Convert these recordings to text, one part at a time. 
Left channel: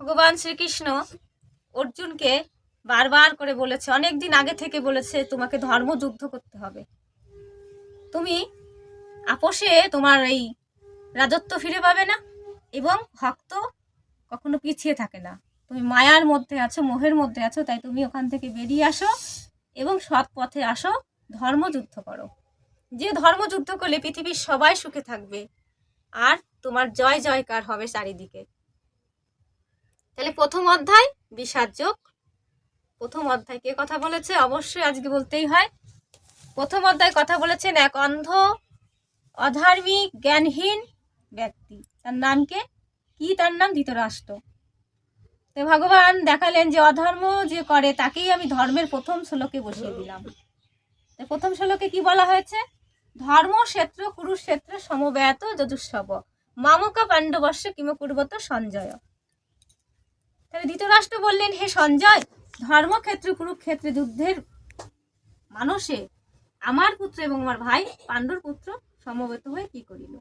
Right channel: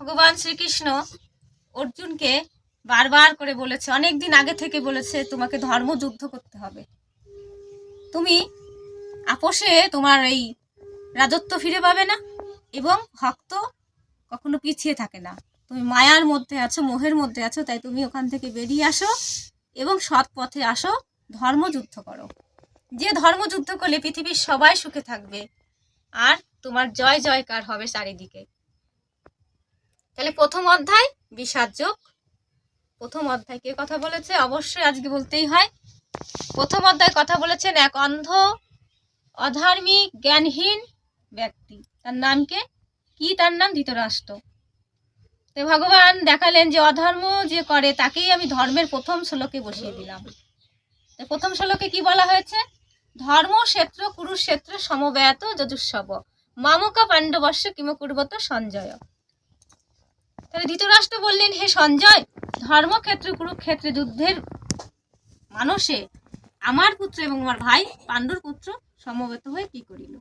ভগবান শ্রীকৃষ্ণ অর্জুনকে বারবার করে বলেছে অনেক দিন আগে থেকে বলেছে, তোমাকে ধর্মযুদ্ধ করতে হবে। তুমি আপোষে তোমার এই রাজত্ব ফিরে পাবে না এবং ভক্ত কখনো পিছিয়ে থাকে না। তুমি মায়ার মধ্যে আছো, মোহের মধ্যে আছো, তাই তুমি ওখান থেকে বেরিয়ে আসো এবং সৎ পথে আসো ধর্মযুদ্ধ করো। যে ধর্মযুদ্ধ করলে পৃথিবীর সবাই সুখে থাকবে, আর তোমার জয় জয়কার হবে চারিদিকে। তাহলে প্রথম অধ্যায়, বিষাদ যোগ। প্রথম অধ্যায় কে কথা বলেছে? অবশ্যই আজকে বলতেই হয়। প্রথম অধ্যায় কথা বলেছেন এক অন্ধ, অধার্মিক, জ্ঞানহীন ব্যক্তি। তার নামকে কি? তার নাম? ধৃতরাষ্ট্র। তো ভগবান দেখালেন যে অধর্ম যে করে, তাকেই আমি ধর্মের প্রথম শ্লোকে বসিয়ে দিলাম। তো প্রথম শ্লোকে কি বলা হয়েছে? ধর্মক্ষেত্র কুরুক্ষেত্র সমব্যাত যজুস্বব মামক পাণ্ডবস্য কিমকুর্বত সঞ্জয়। তাহলে ধৃতরাষ্ট্র বললেন, হে সঞ্জয়, ধর্মক্ষেত্র, কুরুক্ষেত্রে যুদ্ধের মানুষে আমার পুত্র এবং আমার ভাই পাণ্ডুর পুত্র সমবেত হয়ে কি করিল?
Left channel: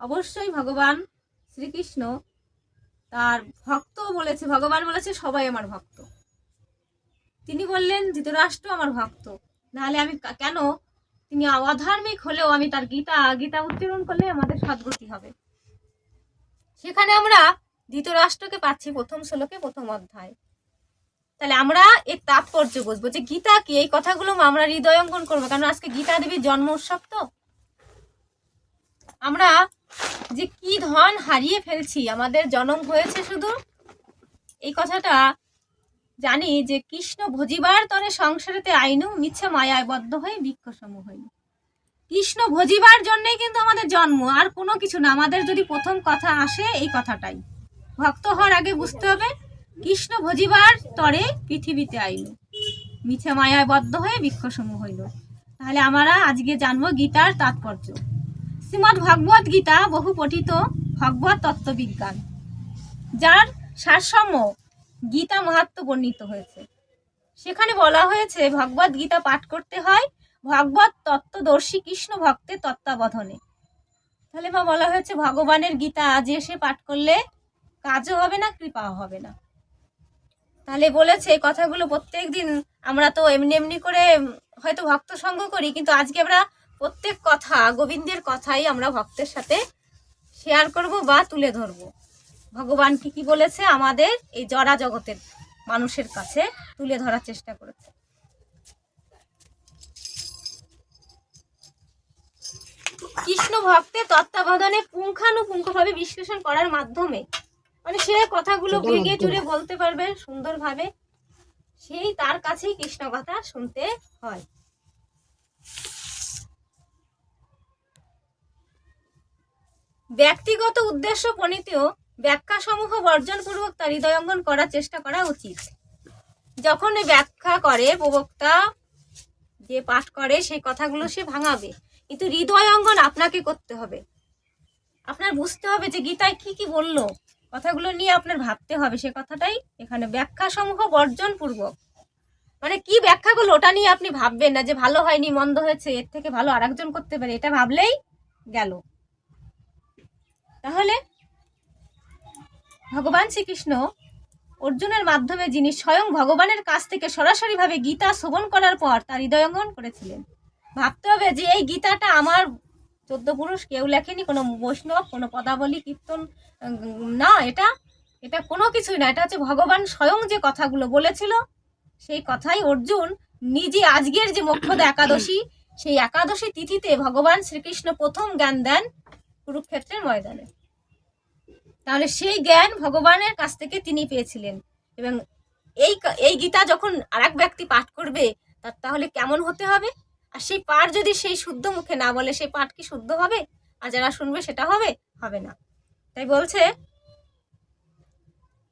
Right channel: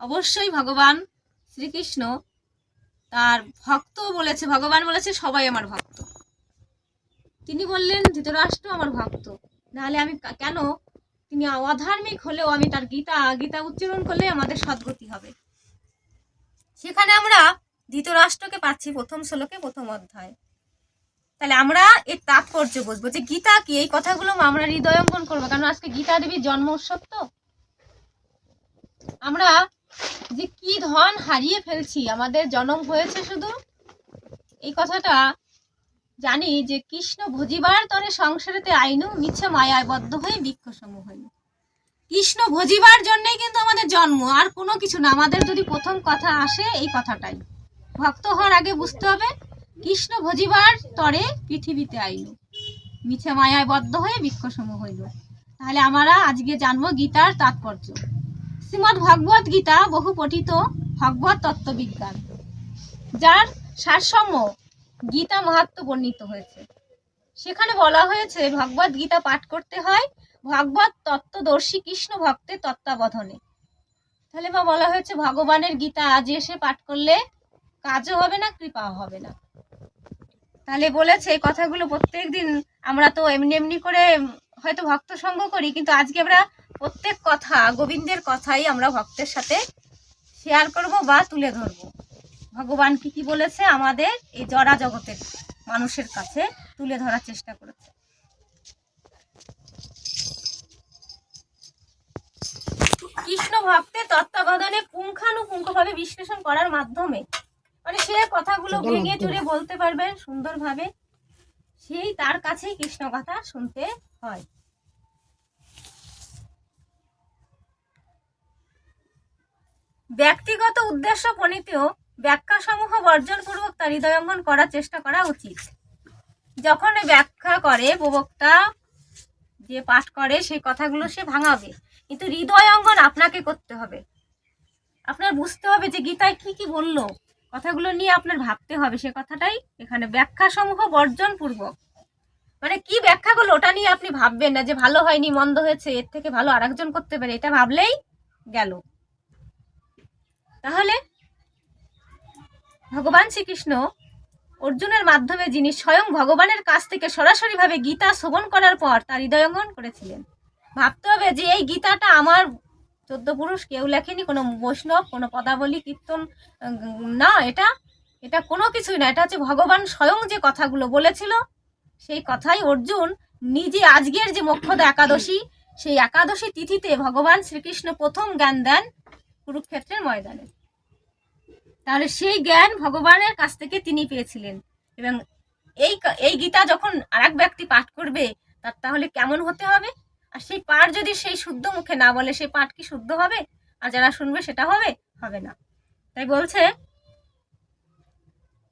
অবশ্যই ভগবান শ্রীকৃষ্ণ তার ভক্ত বলেছে, ভগবান বলেছে, সবাই আমার ভক্ত। তিনি বললেন, ধৃতরাষ্ট্র আমার ভক্ত, নাহলে আমি কেন? তিনি অধার্মিক হলেও আমি তার গীতা গীতা উচ্চারণ করলে আমাদের সদ্গতি হবে। সেখানে আমরা ধৃতরাষ্ট্রকে পাচ্ছি প্রথম শ্লোকে প্রথম অধ্যায়। তাহলে আমরা এর তাৎপর্য বুঝব যে গীতা কি? এই কথাগুলো আমরা হৃদয়ঙ্গন করব। কারণ আজকে গীতা দেবীর জন্ম উৎসব তো। আমরা যে কি ধন হারিয়ে ফেলছি, আমাদের জন্ম হয়েছে শুধু? এই কথাটা জানি যে কৃষ্ণ ভজিবার তরে সংসারেতে আইনু মিছে মায়ায় বদ্ধ হয়ে বৃক্ষ সমূহ হইল। কৃষ্ণ ভজিবার জন্যই কিন্তু আমাদের জন্ম, আর কোনো কিছু না। আমাদের যদি প্রথম কথা আসে এই কথাটাই। ভক্ত হওয়ার আগে বুঝতে হবে, কৃষ্ণ ভজিবার তরে পৃথিবীতে আইল। মিছে মায়ায় বদ্ধ হয়ে বৃক্ষসমূহ হইল। তাহলে আমরা আজকে জানব গীতার তাৎপর্য। শ্রীমৎ ভগবত গীতা বহু পঠিত ভগবত তত্ত্ববিজ্ঞান, যার সারসম্য গীতা মাহাত্ম বর্ণিত হয়েছে। সেখানে বলা হয়েছে ভগবত গীতা পাঠ করতে হয় ভগবত তত্ত্বদর্শী কৃষ্ণ ভক্তের তত্ত্বাবধানে। তাহলে বা বলা হয়েছে, ভগবানের গীতা আজ এসে পাঠ করলে কাজও হবে না কৃপাও হবে না। তাহলে বলেছে এই কথাগুলো প্রত্যেক দিন। আমরা তো এমনি এমনি করে হয়তো ভক্ত সঙ্গ করি, কিন্তু আজকে আমরা প্রত্যেক কথা, গোবিন্দের কথাই আমরা ভক্তের সাথে শেয়ার করব বা তুলে ধরব। ভগবান কি কি বলেছে? আমাদের এই জরা জগতের মানুষের কাছে তুলে ধরার চেষ্টা করেছে। কৃষ্ণ ভক্তের তত্ত্বাবধানে পুঙ্খানুপুঙ্খভাবে বিশ্লেষণ করার মাধ্যমে মানে সে কথাগুলো ভেঙে চুরে বলতে পারবে সুন্দরভাবে। সেই তার কাছেই কৃষ্ণ কথা শুনতে হয়। ব্যক্তিগত উদ্দেশ্য প্রণীতেও ব্যাখ্যা সমূহ বর্জনপূর্বক তার হৃদয়ঙ্গন করার চেষ্টা করা উচিত। যখন ব্যাখ্যা করে প্রবক্তা যে পাঠ করে সেই কথাগুলো সে ভাঙাবে। কিন্তু হৃদয়ঙ্গন আপনাকে করতে হবে। আপনার বুঝতে হবে যে গীতায় কি কি বলল। কথাগুলো নিয়ে আপনার ভাবতে হবে। সে কথাটাই এখানে ব্যাখ্যা সমূহ বর্জন পূর্বক মানে কি ব্যাখ্যাগুলো ওটা নিয়ে আপনি ভাববেন না যে ভালো হয়নি, মন্দ হয়েছে, এর থেকে ভালো আরেকজন করতে পারে, এটা ভাবলেই গেল। তাহলে ভগবান শ্রীকৃষ্ণ অর্জুনের মাধ্যমে যিনি স্বয়ং ভগবানের কাছ থেকে সরাসরিভাবে গীতা শ্রবণ করার পর তার হৃদয়ঙ্গন করেছিলেন। ভাবতে হবে যে এই গীতাটা আমার চোদ্দ পুরুষ, কেউ লেখেনি কোনো বৈষ্ণব, কোনো পদাবলী, কীর্তন না, এটা এটা কোনো কিছুই না। এটা হচ্ছে ভগবান স্বয়ং যে কথাগুলো বলেছিল, সেই কথাই অর্জুন নিজে আজকের যে মোক্ষদা একাদশী, সেই একাদশী তিথিতে ভগবান শ্রীকৃষ্ণ প্রথম জ্ঞান দেন কুরুক্ষেত্রের ময়দানে। তাহলে সেই জ্ঞান ভগবানের কাছ থেকে তিনি পেয়েছিলেন। এবং এই এই গীতা যখন আরেক ব্যক্তি পাঠ করবে, তার তাহলে কেমন হতে হবে? আর সেই পাঠ যদি সেই শুদ্ধ মুখে না বলে, সেই পাঠ কি শুদ্ধ হবে? আর যারা শুনবে সেটা হবে? হবে না। তাই বলছে,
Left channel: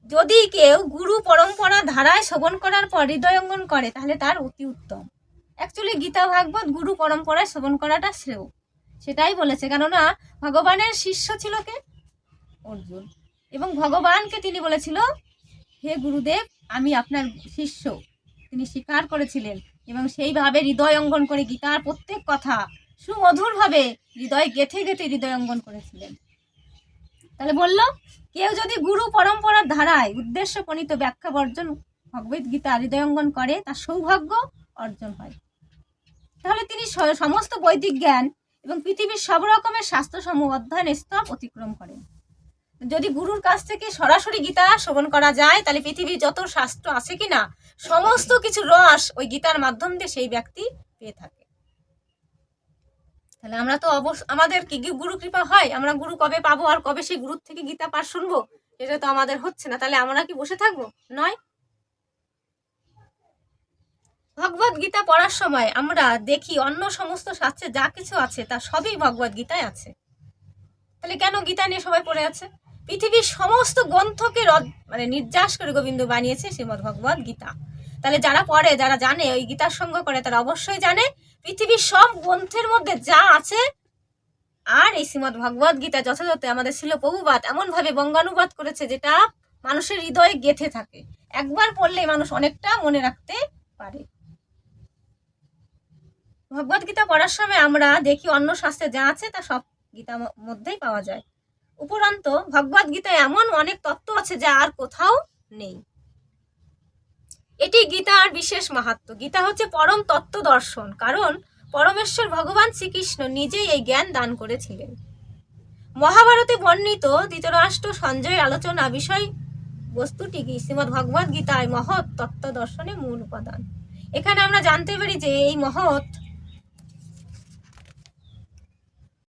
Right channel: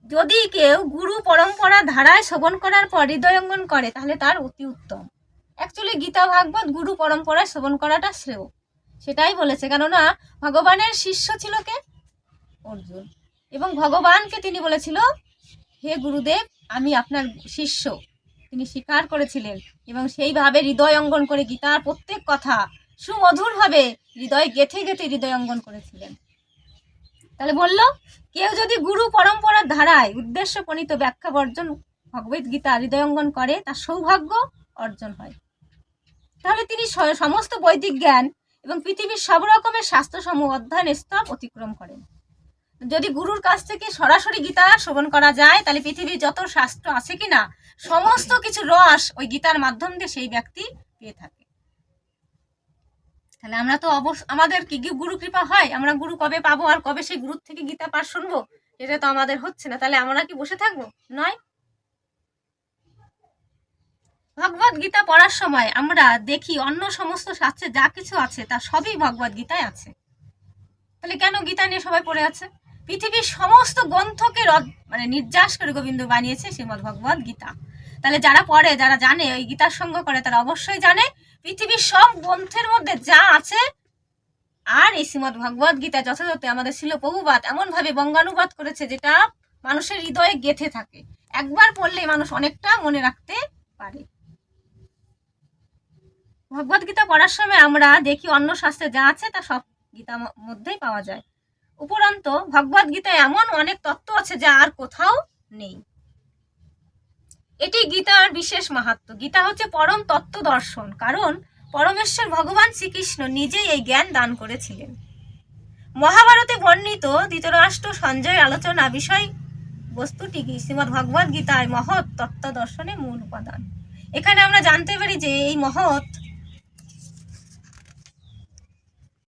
যদি কেউ গুরু পরম্পরা ধারায় শ্রবণ করার পর হৃদয়ঙ্গন করে, তাহলে তার অতি উত্তম। অ্যাকচুয়ালি গীতা ভাগবত গুরু পরম্পরায় শ্রবণ করাটা শ্রেয়। সেটাই বলেছে, কেননা ভগবানের শিষ্য ছিল কে? অর্জুন। এবং ভগবানকে তিনি বলেছিল, হে গুরুদেব, আমি আপনার শিষ্য। তিনি স্বীকার করেছিলেন এবং সেইভাবে হৃদয় অঙ্গন করে গীতার প্রত্যেক কথা সুমধুরভাবে হৃদয় গেথে গেথে হৃদয় অঙ্গন করেছিলেন। তাহলে বলল, কেউ যদি গুরু পরম্পরার ধারায় উদ্দেশ্য প্রণীত ব্যাখ্যা বর্জন ভগবত গীতা হৃদয়ঙ্গন করে, তার সৌভাগ্য অর্জন হয়। তাহলে তিনি সমস্ত বৈদিক জ্ঞান এবং পৃথিবীর সব রকমের শাস্ত্রসমূহ অধ্যয়ন স্তর অতিক্রম করেন। যদি গুরুর কাছ থেকে সরাসরি গীতা শ্রবণ করা যায়, তাহলে পৃথিবীর যত শাস্ত্র আছে কিনা, সমস্ত কিছু রস ওই গীতার মাধ্যম দিয়ে সেই ব্যক্তি পেয়ে থাকে। তাহলে আমরা তো অবশ্য আমাদের কি কি গুরু কৃপা হয়? আমরা গুরু কবে পাবো আর কবে সেই গুরুর থেকে গীতা পাঠ শুনব? এটা তো আমাদের হচ্ছে না। তাহলে আমরা কি বসে থাকব? নয়? ভগবত গীতা পড়ার সময় আমরা দেখি অন্য সমস্ত শাস্ত্রে যা কিছু আছে, তা সবই ভগবত গীতায় আছে। তাহলে কেন গীতা নিয়ে সবাই পড়ে আছে? পৃথিবীর সমস্ত গ্রন্থকে রদ- মানে নির্যাস করে গোবিন্দ বানিয়েছে শ্রীমদ ভগবত গীতা। তাহলে যারা পড়ে, যারা জানে, ওই গীতার সঙ্গ করে তারা অবশ্যই জানে, পৃথিবীর সব গ্রন্থের মধ্যে যা আছে, আর এই শ্রীমদ ভগবত গীতা যথাযথ, আমাদের ছিল বহুবাদ এমন ভাবে বঙ্গানুবাদ করেছে যেটা মানুষের হৃদয়ে গেথে থাকে। একবার পড়লেই মানুষ অনেকটা মনে রাখতে পারে। ভগবত গীতা পড়ার সময় আমরা দেখি অন্য শাস্ত্রে যা আছে, তা সব গীতা মধ্যেই পাওয়া যায়। উপরন্ত ভগবত গীতায় এমন অনেক তত্ত্ব আছে যা আর কোথাও নেই। এটি গীতার বিশেষ মাহাত্ম। গীতা হচ্ছে পরম তত্ত্ব দর্শন, কারণ পরমেশ্বর ভগবান শ্রীকৃষ্ণ নিজেই এই জ্ঞান দান করেছিলেন। মহাভারতে বর্ণিত ধৃতরাষ্ট্র সঞ্জয়ের আলোচনা বিষয় বস্তুটি কি? শ্রীমদ ভগবত গীতায় মহৎ তত্ত্ব দর্শনের মূল উপাদান। এখানে আমরা জানতে পারি যে এই মহৎ